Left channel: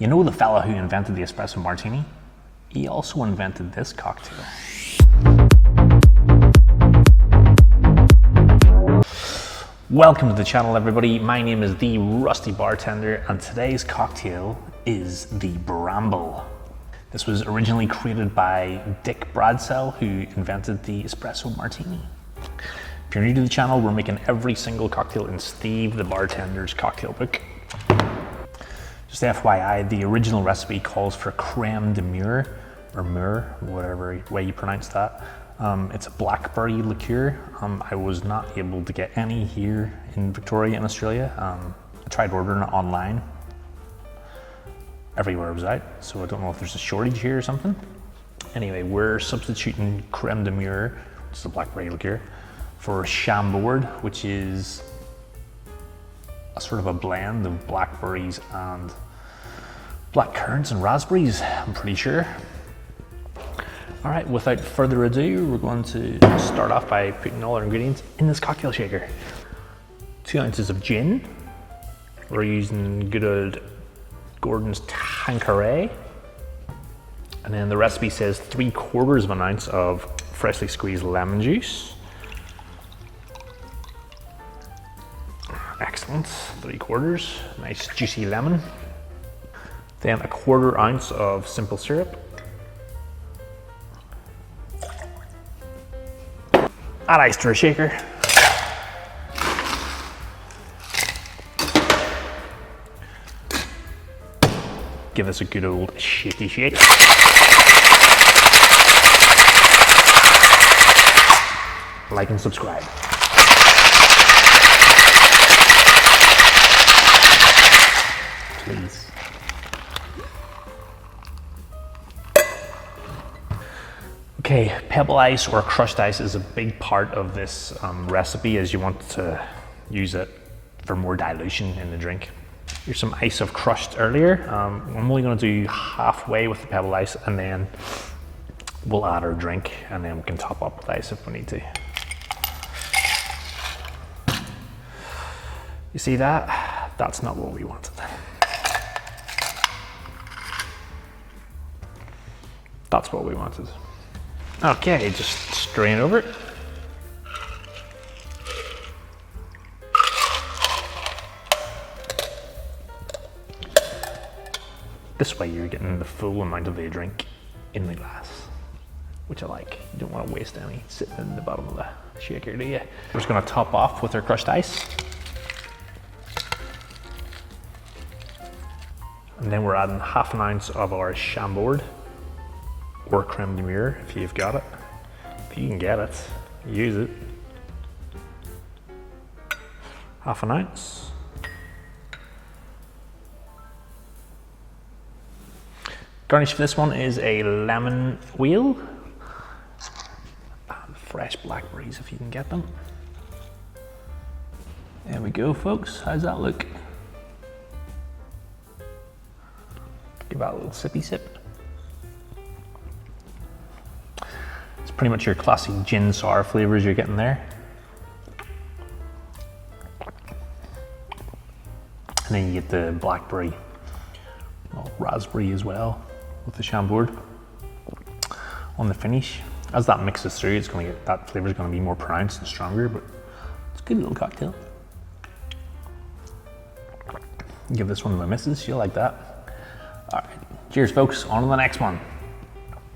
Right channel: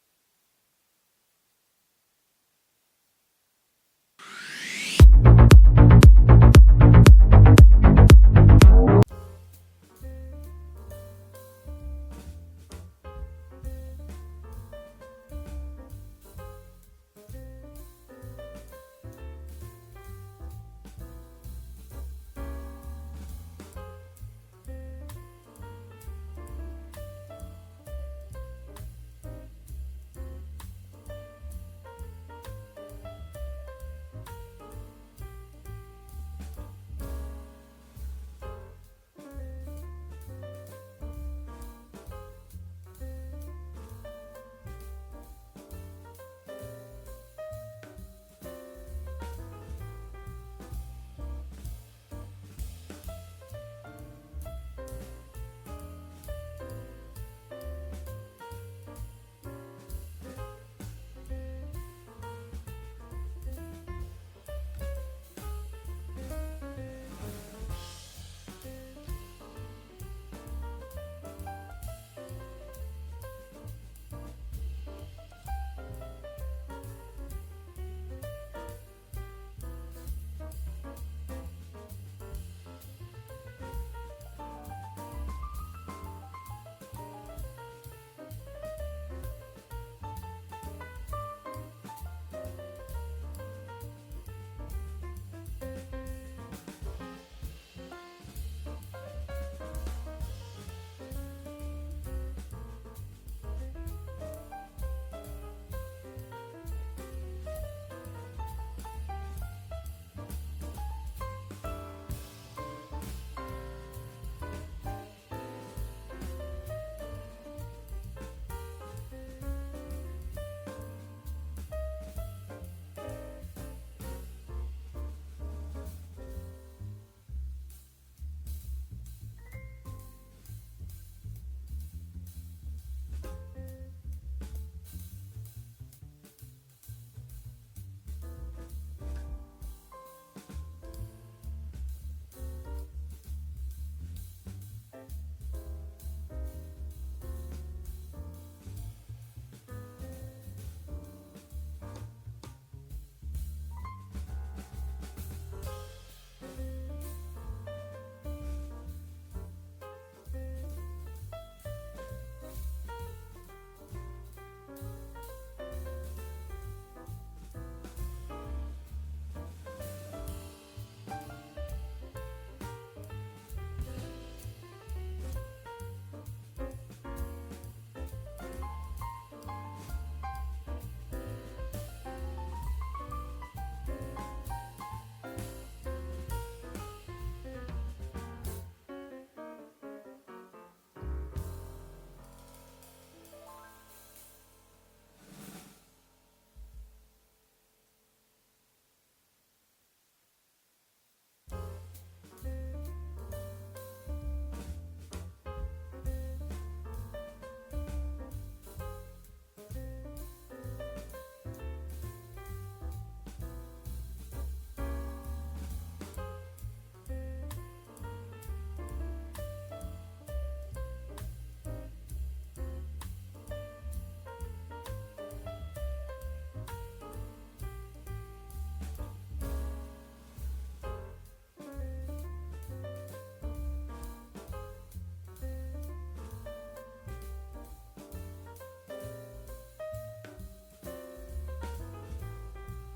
You know the fella who invented the espresso martini? He also invented this cocktail. Welcome to the channel, everybody. My name is the Rusty Bartender, and today's cocktail is the Bramble. This was originally created by Dick Bradsell, who invented the espresso martini. If you're new to the channel, we're making every single cocktail in Steve the Bartender's cocktail book. Just FYI, the original recipe calls for creme de mure, or mure, whatever way you pronounce that. It's a blackberry liqueur. I was not able to get any here in Victoria in Australia. I tried ordering it online. Everywhere it was out, so I don't know if there's a shortage here or something. Anyway, we're substituting creme de mure, which is a blackberry liqueur, for chambord, which is a sort of a blend of blackberries and black currants and raspberries, I'm pretty sure. All right, without further ado, we're going to start off by putting all our ingredients in this cocktail shaker. 2 ounces of gin. We're using good old Gordon's Tanqueray. And then the recipe says 3/4 of an ounce of freshly squeezed lemon juice. Excellent, 3/4, nice juicy lemon. Then 1/4 ounce of simple syrup. Add ice to a shaker. Give this a good old shaky shake. Like and subscribe. Please. Okay, pebble ice or crushed ice is a big part of this recipe, as you want to use it for more dilution in the drink. Here's some ice I've crushed earlier. I'm only going to do halfway with the pebble ice, and then we'll add our drink, and then we can top up with ice if we need to. You see that? That's not what we wanted. That's what we wanted. Okay, just strain over it. This way you're getting the full amount of the drink in the glass, which I like. You don't want to waste any sitting in the bottom of the shaker, do you? We're just going to top off with our crushed ice. And then we're adding 1/2 ounce of our chambord, or creme de mure if you've got it. If you can get it, use it. 1/2 ounce. Garnish for this one is a lemon wheel and fresh blackberries if you can get them. There we go, folks. How's that look? Give that a little sippy sip. It's pretty much your classic gin sour flavors you're getting there. And then you get the blackberry, raspberry as well with the chambord on the finish. As that mixes through, it's going to get, that flavor is going to be more pronounced and stronger, but it's a good little cocktail. Give this one to my missus, she'll like that. All right, cheers folks, on to the next one.